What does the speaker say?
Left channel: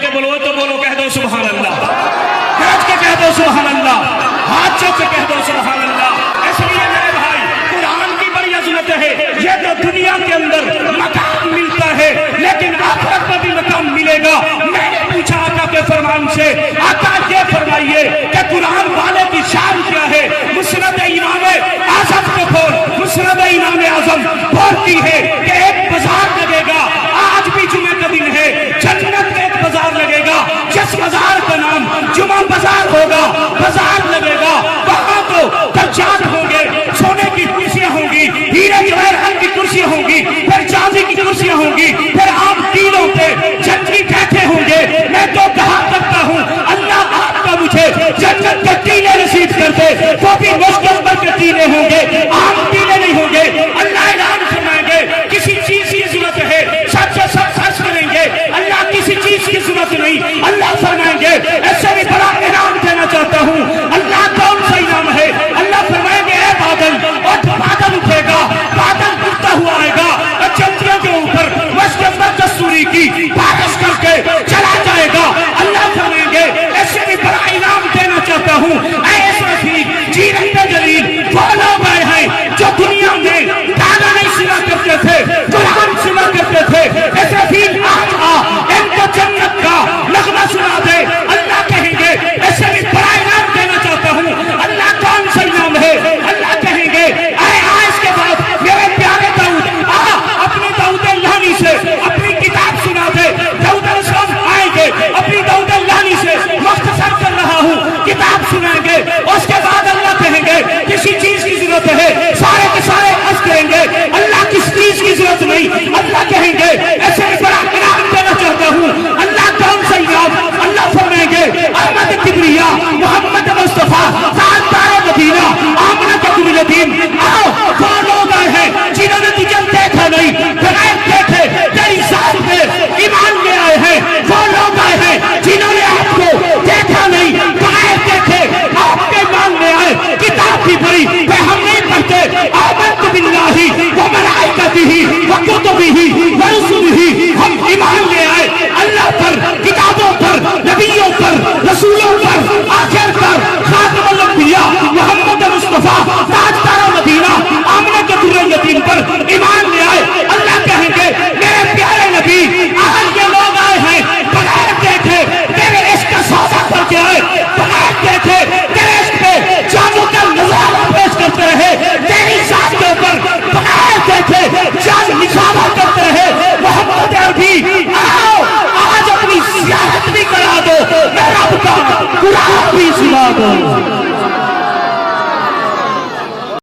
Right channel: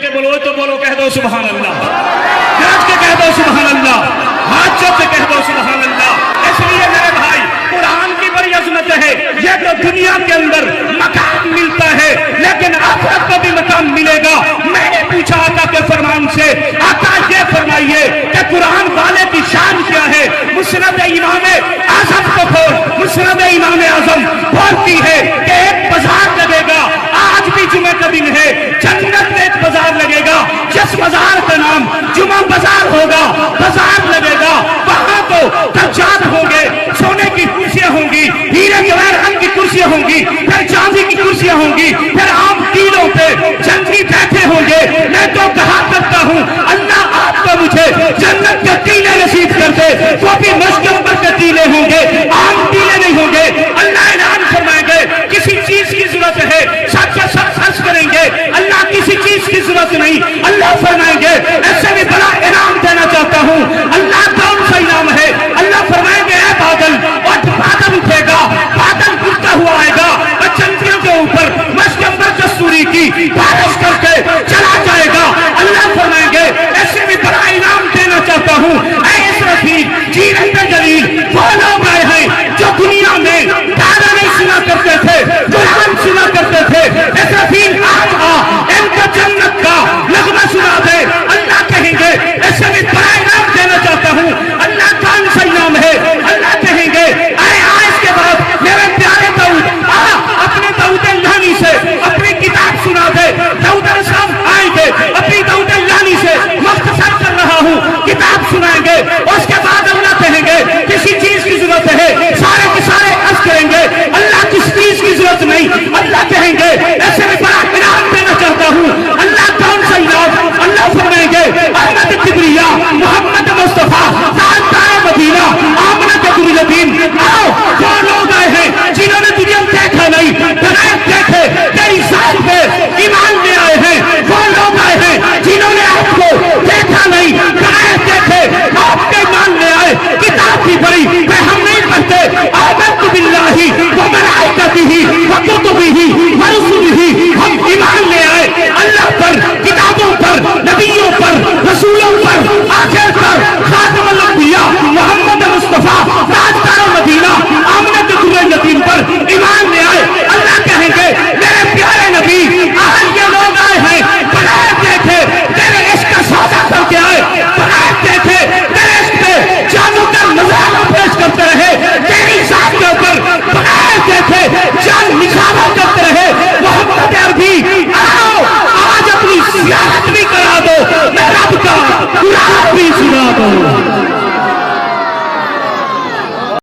کے بولو تو بولو، کہہ دو سبحان اللہ، گرج کے کہہ دو سبحان اللہ، ہاتھ چوک کے کہہ دو سبحان اللہ۔ اس لیے میرے بھائی قرآن کی بڑی عظمت ہے، یہ تو دنیا کے اندر مقام ملتا ہے لیکن آخرت کو بھی مقام ملے گا۔ میں نے پوچھا آقا کے فرمان سے، آقا یہ فرمائیے کہ قرآن والے کی شان کیا ہے؟ مسند امام اعظم کو کھول، مسند امام اعظم بولتی ہے کہ ایک بازار لگے گا، آج بھی جمعہ کا دن ہے، جنت میں ایک بازار لگے گا جس بازار کا نام جمعہ بازار ہوگا، بازار لگے گا، وہاں تو دجال ہوں گے، سونے کی کرسیاں ہوں گی، ہیرے جواہر رنگ کی کرسیاں ہوں گی، پھر چاندی کی کرسیاں ہوں گی، پھر عام ٹیلوں پہ جنگی بیٹھے ہوں گے۔ میں تو کہا کرتا ہوں اللہ آپ کا مجھے جنت کے ٹیلے نصیب کر دے، وہ بھی مشکمبر کے ٹیلے ہوں گے، عام ٹیلے نہیں ہوں گے۔ اللہ اعلان فرمائیں گے کسی چیز کی ضرورت ہے سب سے سب خرچ کریں گے، اللہ کسی چیز کی ضرورت نہیں، اللہ فرمائیں گے ایسے بھی بڑا انعام دینا چاہتا ہوں۔ اللہ کون سا انعام ہے؟ اللہ فرمائیں گے اے بادل، اور بادل اٹھے گا، بادل اٹھتا ہوا آئے گا اور چندریوں کے اوپر مشکمبر کستوری کی بارش کر کے چلا جائے گا۔ اللہ فرمائیں گے ایسے بھی بڑا انعام دینا چاہتا ہوں۔ اے اسرافیل، جیرت جلیل، وہ لوگ آئے ہیں جو دنیا میں گانا نہیں سنا کرتے تھے، قرآن سنا کرتے تھے۔ اسرافیل آج آ ان کا جنت کا نغمہ سنا دے۔ اللہ کہیں گے ایسے بھی بڑا انعام دینا چاہتا ہوں۔ اللہ کون سا انعام ہے؟ اللہ کہیں گے اے اس کے بعد میرے پیارے داؤد اپنے داؤد لانی سے اپنی کتاب سنا دے۔ داؤد علیہ السلام آئیں گے، اپنی داؤد لانی سے مختصر کر رہا ہوں کتاب سنائیں گے۔ اس کے بعد اللہ کہیں گے کسی چیز کی ضرورت ہے، سارے کے سارے عرض کریں گے اللہ کس چیز کی ضرورت نہیں۔ اللہ کہیں گے ایسے میں بڑا انعام دینا چاہتا ہوں۔ اللہ کون سا انعام؟ اللہ فرمائیں گے احمد کبریا، محمد مصطفیٰ، تاجدار مدینہ، آمنہ کے یتیم، آؤ وہ لوگ آئے ہیں جنہوں نے تجھے دیکھا نہیں، بغیر دیکھے تیری ذات میں ایمان لے آئے ہیں۔ وہ لوگ آئے ہیں جنہوں نے آپ کو دیکھا نہیں، بغیر دیکھے آپ کے ایمان لے آئے۔ کتاب کی پڑھی کہ ہم نہیں پڑھتے آمنت باللہ وملائکتہ وکتبہ ورسلہ، ہم ایمان لے آئے اللہ پر، کتابوں پر، نبیوں پر، رسولوں پر، آخر پر خاتم الانبیاء محمد مصطفیٰ تاجدار مدینہ آمنہ کے یتیم پر ایمان لے آئے۔ اللہ کہیں گے میرے پیارے نبی آج یہ لوگ آئے ہیں بغیر دیکھے تیرے عشق کا سودا کر کے آئے، بغیر دیکھے تیرے عشق پہ جانوں کا نظارہ پیش کرتے رہے، تیری ذات کے اوپر بغیر دیکھے جان نثارہ کرتے رہے۔ محمد عربی آؤ آج اپنی زیارت بھی کرا دو، رب کا قرآن بھی سنا دو۔